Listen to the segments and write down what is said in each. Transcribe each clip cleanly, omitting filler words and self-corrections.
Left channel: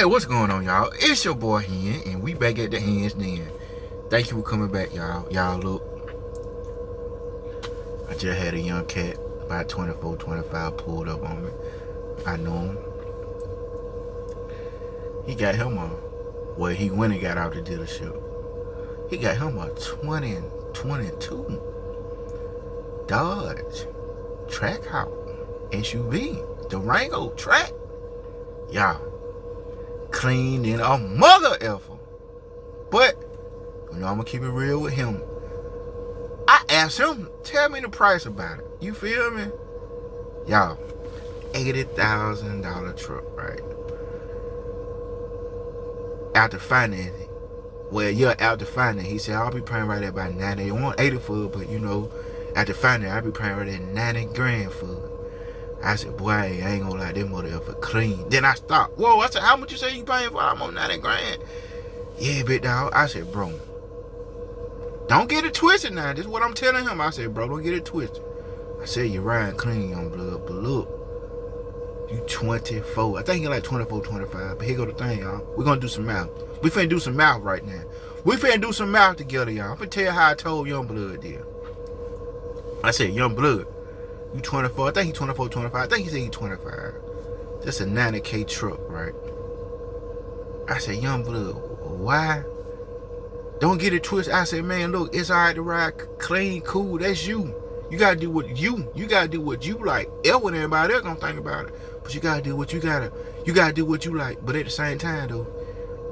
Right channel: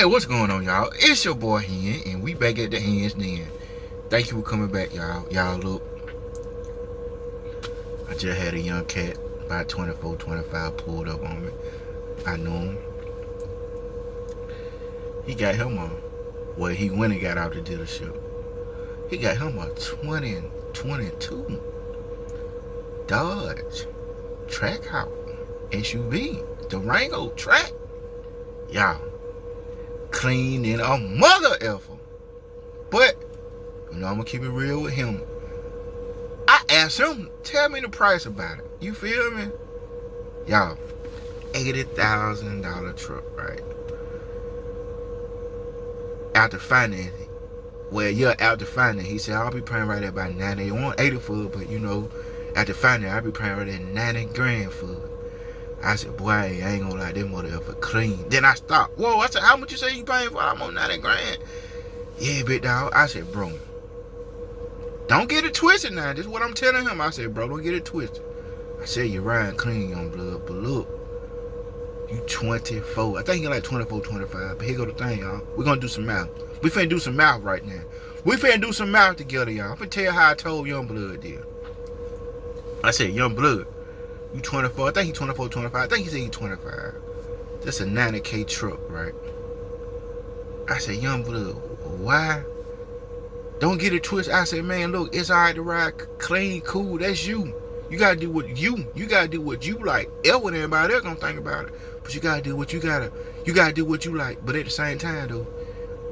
Hey, what's going on, y'all? It's your boy Hen, and we back at the Hens Den. Thank you for coming back, y'all. Y'all, look, I just had a young cat, about 24, 25, pulled up on me. I knew him. He got him a, well, he went and got out the dealership. He got him a 2022 Dodge Trackhouse SUV, Durango Track. Y'all, clean in a mother effer. But, you know, I'm gonna keep it real with him. I asked him, tell me the price about it. You feel me? Y'all, $80,000 truck, right? After financing, after financing, he said, I'll be paying right at about 90. They want 80 for it, but you know, after financing, I'll be paying right at 90 grand for it. I said, boy, I ain't gonna lie, this motherfucker clean. Then I stopped. Whoa, I said, how much you say you paying for? I'm on 90 grand. Yeah, big dog. I said, bro, don't get it twisted now. This is what I'm telling him. I said, bro, don't get it twisted. I said, you're riding clean, young blood, but look, you 24. I think you're like 24, 25. But here go the thing, y'all. We're gonna do some math. We finna do some math right now. We finna do some math together, y'all. I'm finna tell you how I told young blood did. I said, young blood, you 24. I think he 24, 25. I think he said he 25. That's a 90K truck, right? I said, young blood, why? Don't get it twisted. I said, man, look, it's all right to ride clean, cool. That's you. You gotta do what you gotta do what you like. What everybody else gonna think about it. But you gotta do what you gotta do what you like. But at the same time though,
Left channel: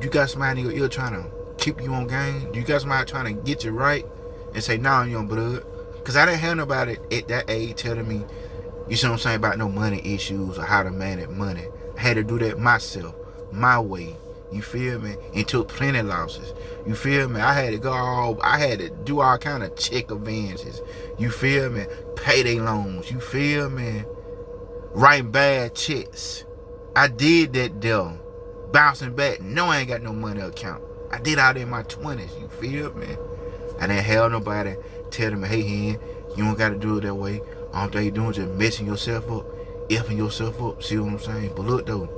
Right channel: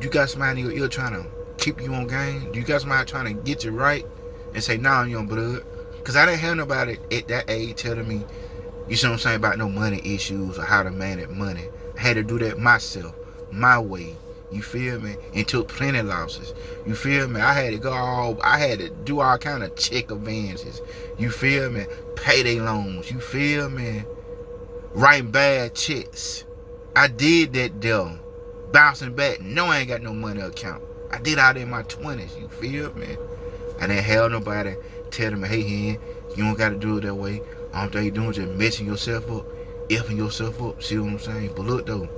you got somebody in your ear trying to keep you on game. You got somebody trying to get you right and say, nah, young blood. Cause I didn't have nobody at that age telling me, you see what I'm saying, about no money issues or how to manage money. I had to do that myself, my way. You feel me? And took plenty losses. You feel me? I had to do all kind of check advances. You feel me? Payday loans. You feel me? Writing bad checks. I did that though. Bouncing back. No, I ain't got no money account. I did out in my 20s. You feel me? I didn't have nobody telling me, hey, Hen, you don't got to do it that way. All they doing is just messing yourself up, effing yourself up. See what I'm saying? But look though,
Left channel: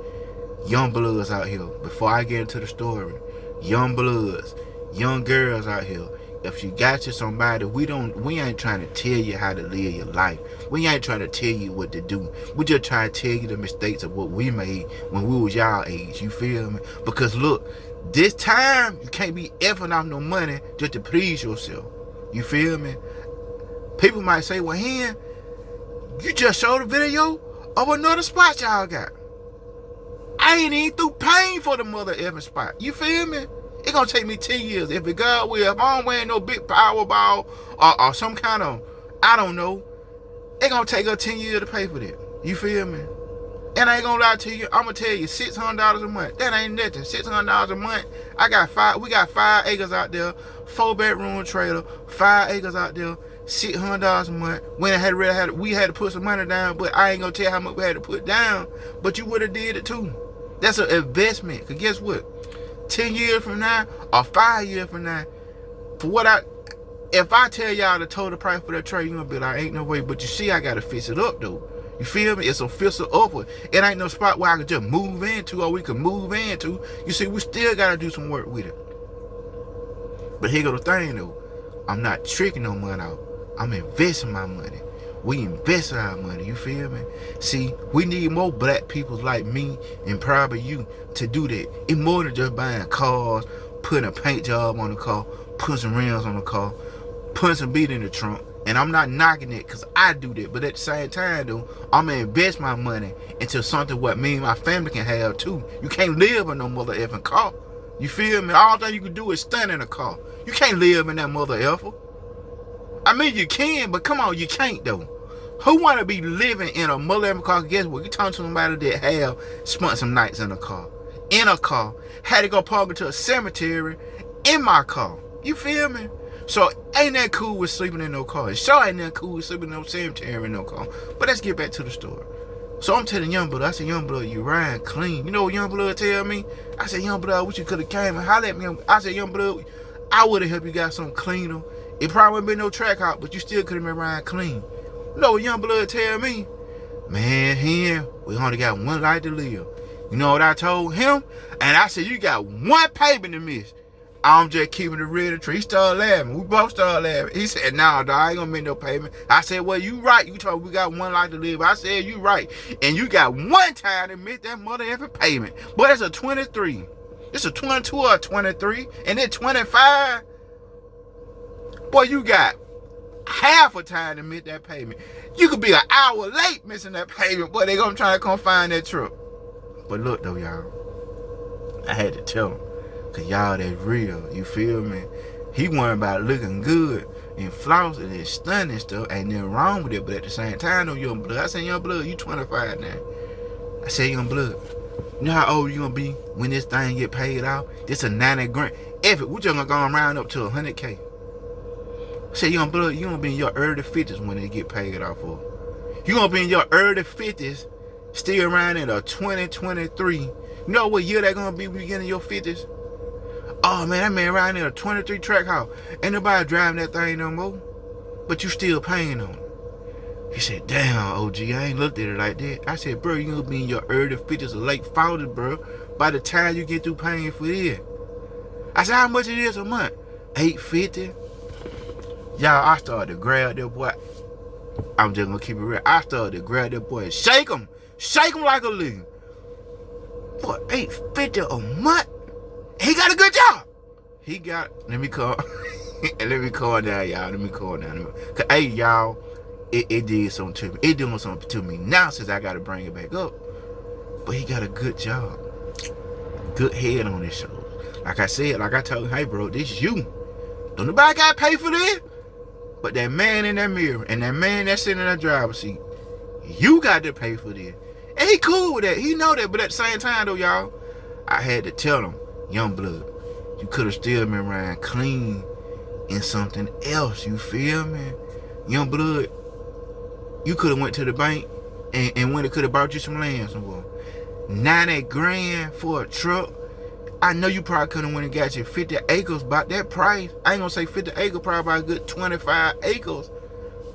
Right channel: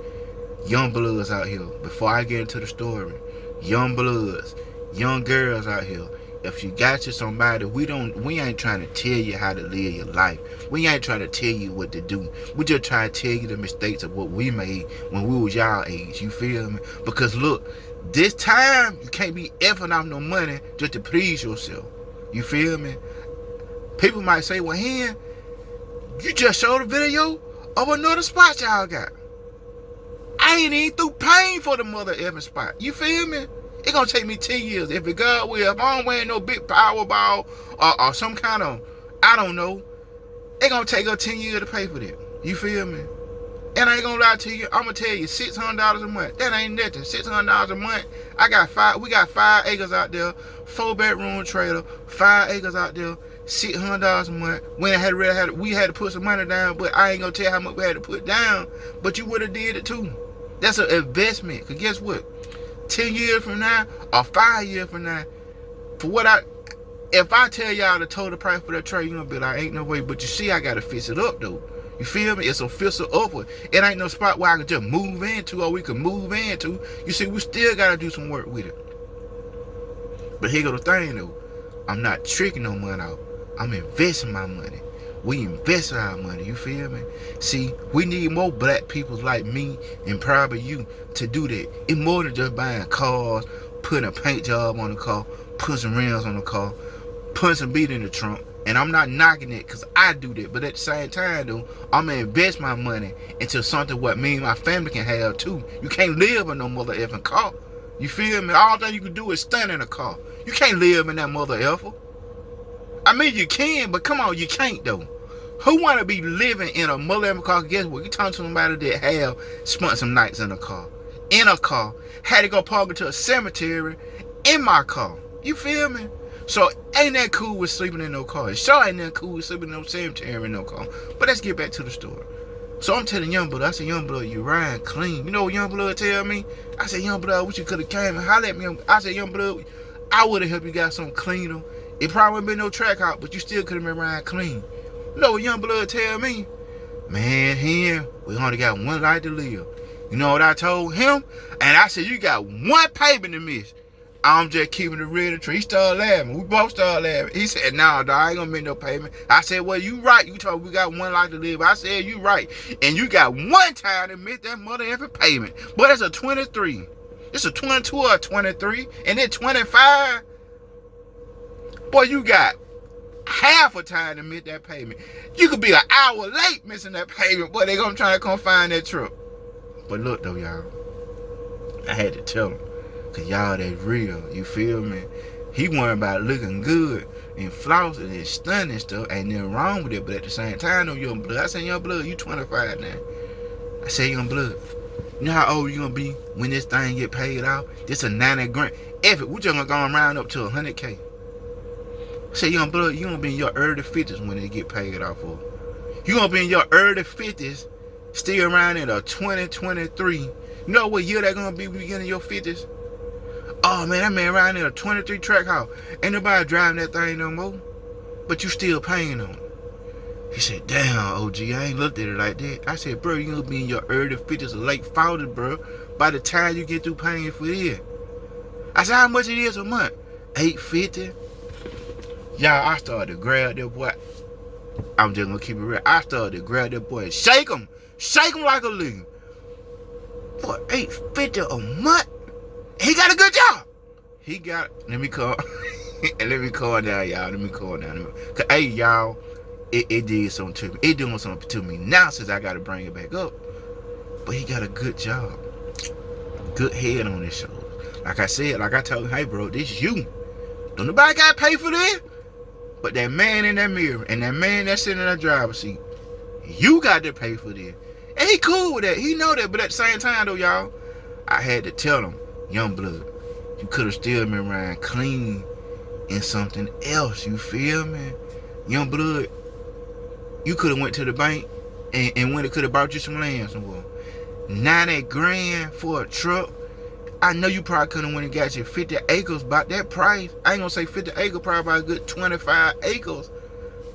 young bloods out here, before I get into the story, young bloods, young girls out here, if you got you somebody, we ain't trying to tell you how to live your life. We ain't trying to tell you what to do. We just trying to tell you the mistakes of what we made when we was y'all age. You feel me? Because look, this time, you can't be effing off no money just to please yourself. You feel me? People might say, well, Hen, you just showed a video of another spot y'all got. I ain't even through paying for the mother effing spot. You feel me? It gonna take me 10 years. If it God will, if I don't win no big Powerball or some kind of, I don't know, it gonna take us 10 years to pay for that. You feel me? And I ain't gonna lie to you, I'm gonna tell you, $600 a month. That ain't nothing. $600 a month. We got 5 acres out there, 4-bedroom trailer, 5 acres out there, $600 a month. When we had to put some money down, but I ain't gonna tell you how much we had to put down. But you would have did it too. That's an investment. Cause guess what? 10 years from now or 5 years from now, if I tell y'all the total price for that trailer, you gonna be like, ain't no way. But you see, I gotta fix it up though. You feel me? It's a fixer upward. It ain't no spot where I can just move into or we can move into. You see, we still gotta do some work with it. But here go the thing though. I'm not tricking no money out. I'm investing my money. We invest our money, you feel me? See, we need more black people like me and probably you to do that. It's more than just buying cars, putting a paint job on the car, putting some rims on the car, putting some beat in the trunk. And I'm not knocking it because I do that. But at the same time though, I'm gonna invest my money into something what me and my family can have too. You can't live in no mother effing car. You feel me? All thing you can do is stand in a car. You can't live in that mother effer. I mean, you can, but come on, you can't though. Who want to be living in a mother car? Guess what? You talking to somebody that have spent some nights in a car, had to go park into a cemetery in my car. You feel me? So ain't that cool with sleeping in no car? It sure ain't that cool with sleeping in no cemetery in no car. But let's get back to the story. So I'm telling Youngblood, I said, Youngblood, you riding clean. You know what Youngblood tell me? I said, Youngblood, wish you could have came and hollered at me. I said, Youngblood, I would have helped you got something cleaner. It probably wouldn't been no track out, but you still could have been riding clean. You know what Youngblood tell me? Man, Hen, we only got one life to live. You know what I told him? And I said, you got one payment to miss. I'm just keeping it real and true. He started laughing. We both started laughing. He said, nah, dog, I ain't gonna make no payment. I said, well, you right. You told me we got one life to live. I said, you right. And you got one time to miss that mother effing payment. But it's a 23. It's a 22 or a 23. And then 25. Boy, you got half a time to miss that payment. You could be an hour late missing that payment, but they gonna try to come find that truck. But look though, y'all, I had to tell him, cause y'all that's real, you feel me? He worried about looking good and flossing and stunning and stuff. Ain't nothing wrong with it, but at the same time, though, young blood. I said, young blood, you 25 now. I said, young blood, you know how old you gonna be when this thing get paid out? This a 90 grand. If it, we just gonna go around up to 100K. I said, young blood, you gonna be in your early 50s when it get paid off for. You gonna be in your early 50s, still around in a 2023. You know what year that gonna be beginning your 50s? Oh man, that man around in a 23 track house. Ain't nobody driving that thing no more. But you still paying on it. He said, damn, OG, I ain't looked at it like that. I said, bro, you gonna be in your early 50s or late 40s, bro, by the time you get through paying for it. I said, how much it is a month? $850. Y'all, I started to grab that boy. I'm just gonna keep it real. I started to grab that boy and shake him like a leaf. For $850 a month, he got a good job. He got. Let me call. Let me call down, y'all. Let me call down. Cause hey, y'all, it did something to me. It doing something to me now since I got to bring it back up. But he got a good job, good head on his shoulders. Like I said, like I told him, hey, bro, this you. Don't nobody got to pay for this. But that man in that mirror and that man that's sitting in the driver's seat, you got to pay for this. And he cool with that. He know that. But at the same time, though, y'all, I had to tell him, young blood, you could have still been around clean in something else. You feel me? Young blood, you could have went to the bank and when it could have bought you some land somewhere. 90 grand for a truck. I know you probably could have went and got you 50 acres about that price. I ain't gonna say 50 acres, probably about a good 25 acres.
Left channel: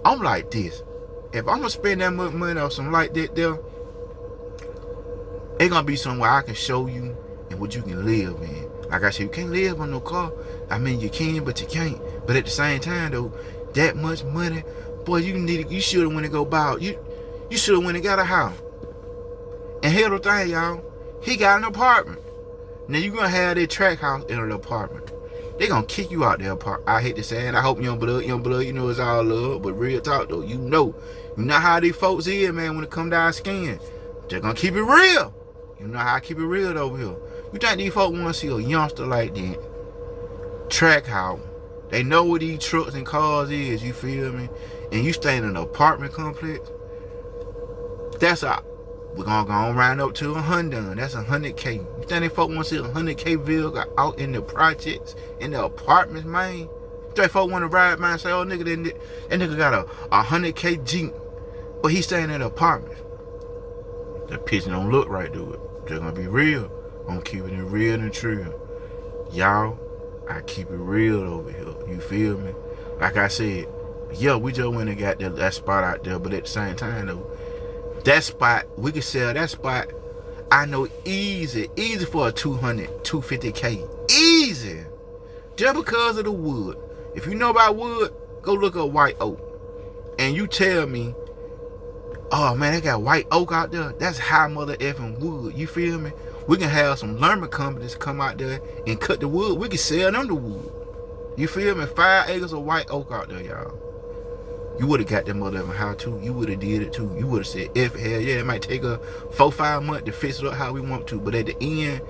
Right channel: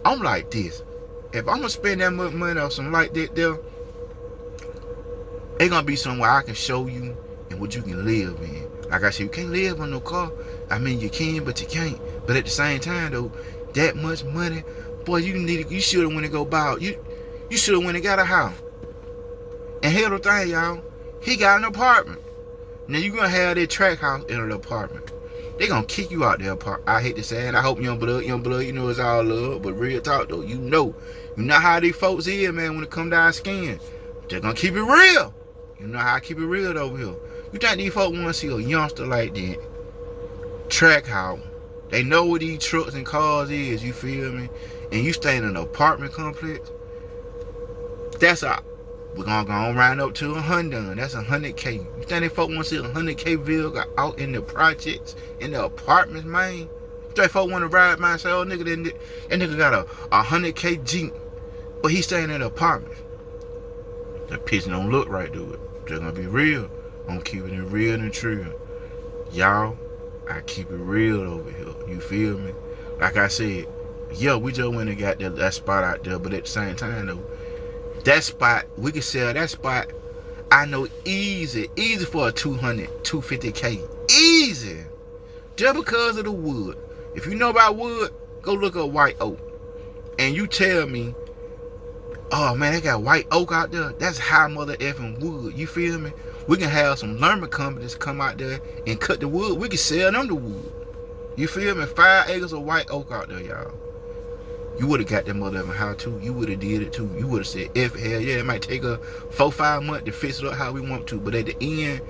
I'm like this. If I'm gonna spend that much money on something like that there, it's gonna be somewhere I can show you and what you can live in. Like I said, you can't live on no car. I mean, you can, but you can't. But at the same time, though, that much money, boy, you should have went and go buy. You should have went and got a house. And here's the thing, y'all. He got an apartment. Now you gonna have that track house in an apartment. They gonna kick you out there apartment. I hate to say it. I hope young blood, you know it's all love. But real talk though, you know how these folks is, man, when it come down skin. They're gonna keep it real. You know how I keep it real over here. You think these folks wanna see a youngster like that? Track house. They know what these trucks and cars is, you feel me? And you stay in an apartment complex. That's a We're gonna go on right up to 100. That's 100K. You think they folk want to see 100K vehicle out in the projects, in the apartments, man? You think folk want to ride by and say, oh nigga, that nigga got a 100K Jeep, but he staying in the apartments. That picture don't look right, do it. They're gonna be real. I'm keeping it real and true. Y'all, I keep it real over here. You feel me? Like I said, yeah, we just went and got that spot out there, but at the same time though, that spot, we can sell that spot, I know easy for a 200, 250K. Easy. Just because of the wood. If you know about wood, go look up white oak. And you tell me, oh man, they got white oak out there. That's high mother effing wood. You feel me? We can have some lumber companies come out there and cut the wood. We can sell them the wood. You feel me? 5 acres of white oak out there, y'all. You would have got that motherfucking house too. You would have did it too. You would have said, hell yeah, it might take a 4-5 months to fix it up how we want to. But at the end,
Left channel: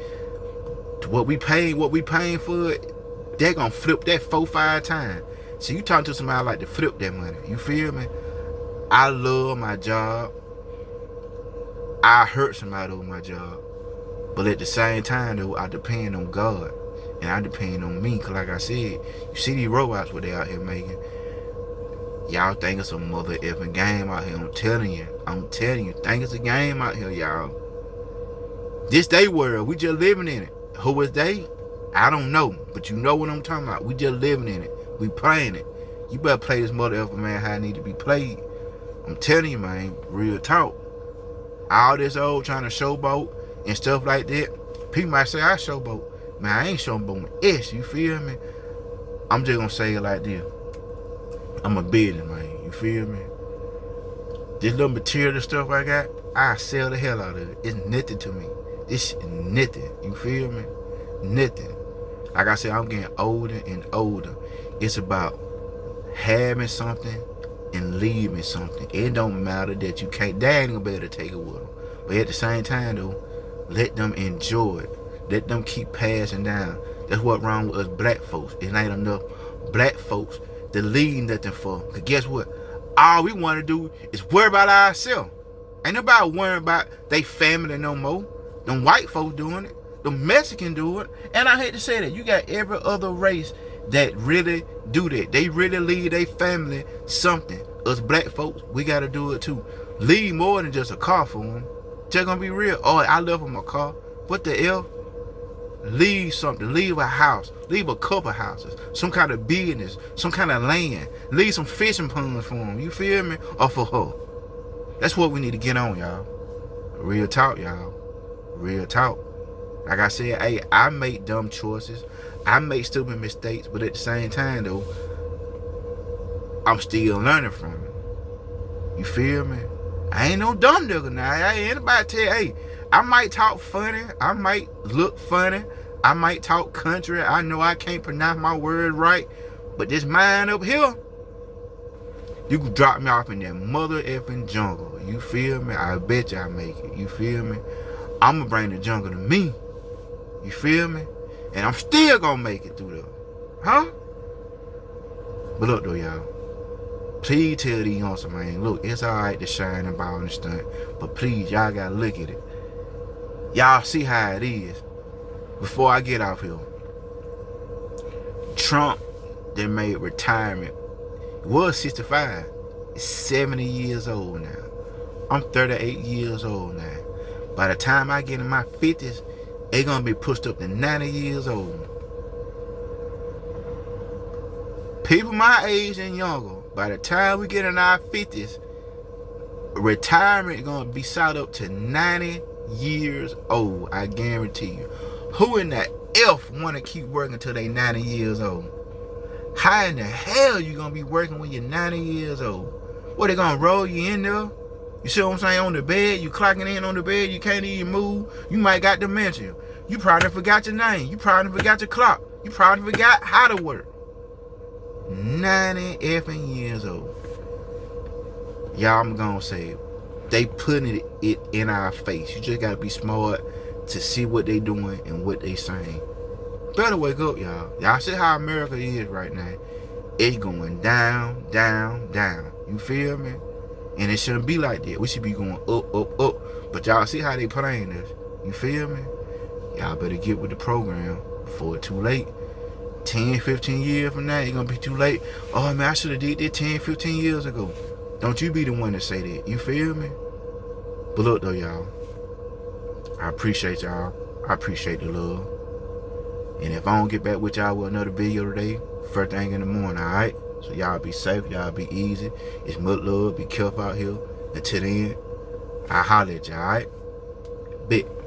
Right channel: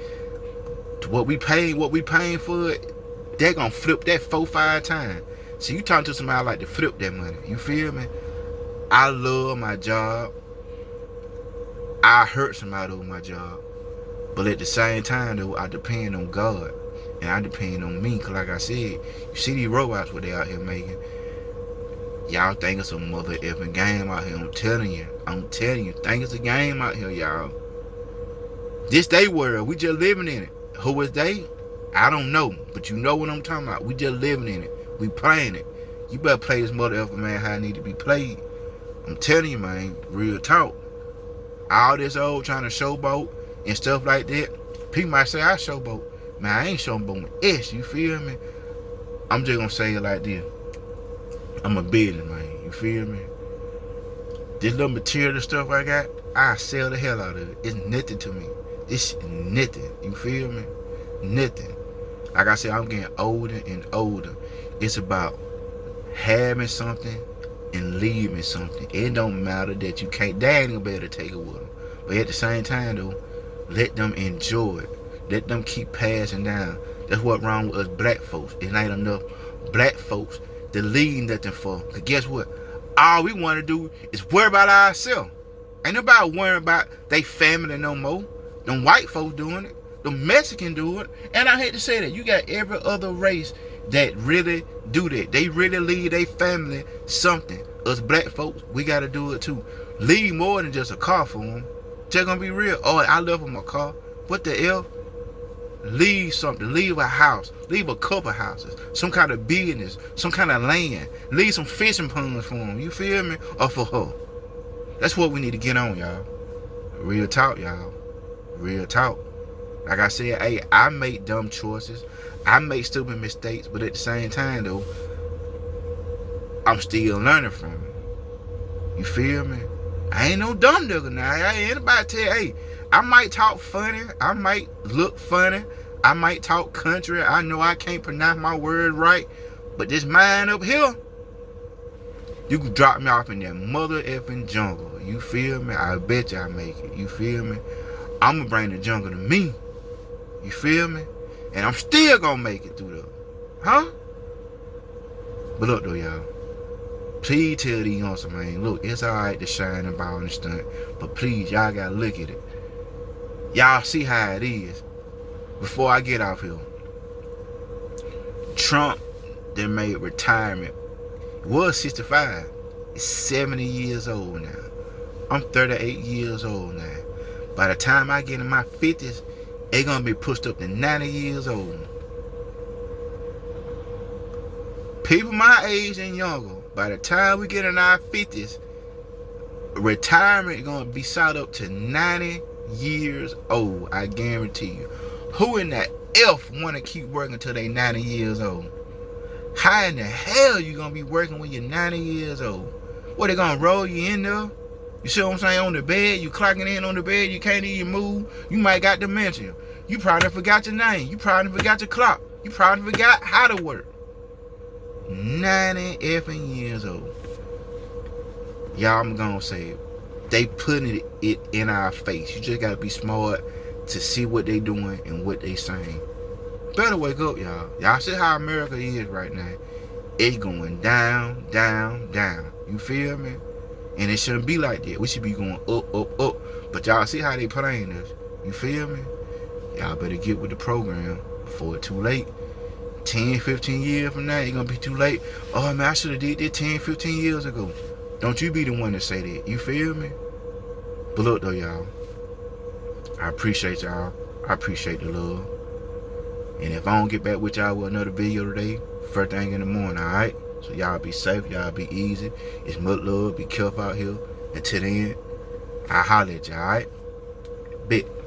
what we paying for it, they're gonna flip that 4-5 times. So you talking to somebody like to flip that money. You feel me? I love my job. I hurt somebody over my job. But at the same time though, I depend on God. And I depend on me. Cause like I said, you see these robots what they out here making. Y'all think it's a mother effing game out here. I'm telling you, think it's a game out here, y'all. This they world, we just living in it. Who is they? I don't know, but you know what I'm talking about. We just living in it. We playing it. You better play this mother effing man how it need to be played. I'm telling you, man, real talk. All this old trying to showboat and stuff like that, people might say I showboat. Man, I ain't showboating S, you feel me? I'm just gonna say it like this. I'm a business man, you feel me? This little material stuff I got, I sell the hell out of it. It's nothing to me. It's nothing, you feel me? Nothing. Like I said, I'm getting older and older. It's about having something and leaving something. It don't matter that you can't, they ain't gonna be able to take it with them. But at the same time though, let them enjoy it. Let them keep passing down. That's what's wrong with us black folks. It ain't enough black folks to leave nothing for. Cause guess what? All we want to do is worry about ourselves. Ain't nobody worrying about they family no more. Them white folks doing it. The Mexican do it. And I hate to say that. You got every other race that really do that. They really leave their family something. Us black folks, we got to do it too. Leave more than just a car for them. Just gonna be real. Oh, I left them a car. What the hell? Leave something. Leave a house. Leave a couple houses. Some kind of business. Some kind of land. Leave some fishing ponds for them. You feel me? Or for her. That's what we need to get on, y'all. Real talk, y'all. Real talk. Like I said, hey, I make dumb choices. I make stupid mistakes. But at the same time, though, I'm still learning from it. You feel me? I ain't no dumb nigga now. I ain't anybody tell you, hey, I might talk funny. I might look funny. I might talk country. I know I can't pronounce my words right. But this mind up here, you can drop me off in that mother effing jungle. You feel me? I bet you I make it. You feel me? I'm gonna bring the jungle to me. You feel me? And I'm still gonna make it through there. Huh? But look though, y'all. Please tell these youngsters, man, look, it's alright to shine and ball and stunt. But please, y'all gotta look at it. Y'all see how it is. Before I get off here. Trump, they made retirement. Was 65. It's 70 years old now. I'm 38 years old now. By the time I get in my 50s, they gonna be pushed up to 90 years old. People my age and younger, by the time we get in our 50s, retirement gonna be sought up to 90 years old. I guarantee you. Who in the F wanna keep working until they 90 years old? How in the hell you gonna be working when you're 90 years old? What, they gonna roll you in there? You see what I'm saying? On the bed, you clocking in on the bed, you can't even move. You might got dementia. You probably forgot your name. You probably forgot your clock. You probably forgot how to work. 90 effing years old. Y'all, I'm gonna say it. They putting it in our face. You just gotta be smart to see what they doing and what they saying. Better wake up, y'all. Y'all see how America is right now. It's going down, down, down. You feel me? And it shouldn't be like that. We should be going up, up, up. But y'all see how they playing this. You feel me? Y'all better get with the program before it's too late. 10, 15 years from now, it's going to be too late. Oh, man, I should have did that 10, 15 years ago. Don't you be the one to say that. You feel me? But look, though, y'all. I appreciate y'all. I appreciate the love. And if I don't get back with y'all with another video today, first thing in the morning, all right? So y'all be safe. Y'all be easy. It's much love. Be careful out here. Until then, I'll holler at y'all, all right? Bet.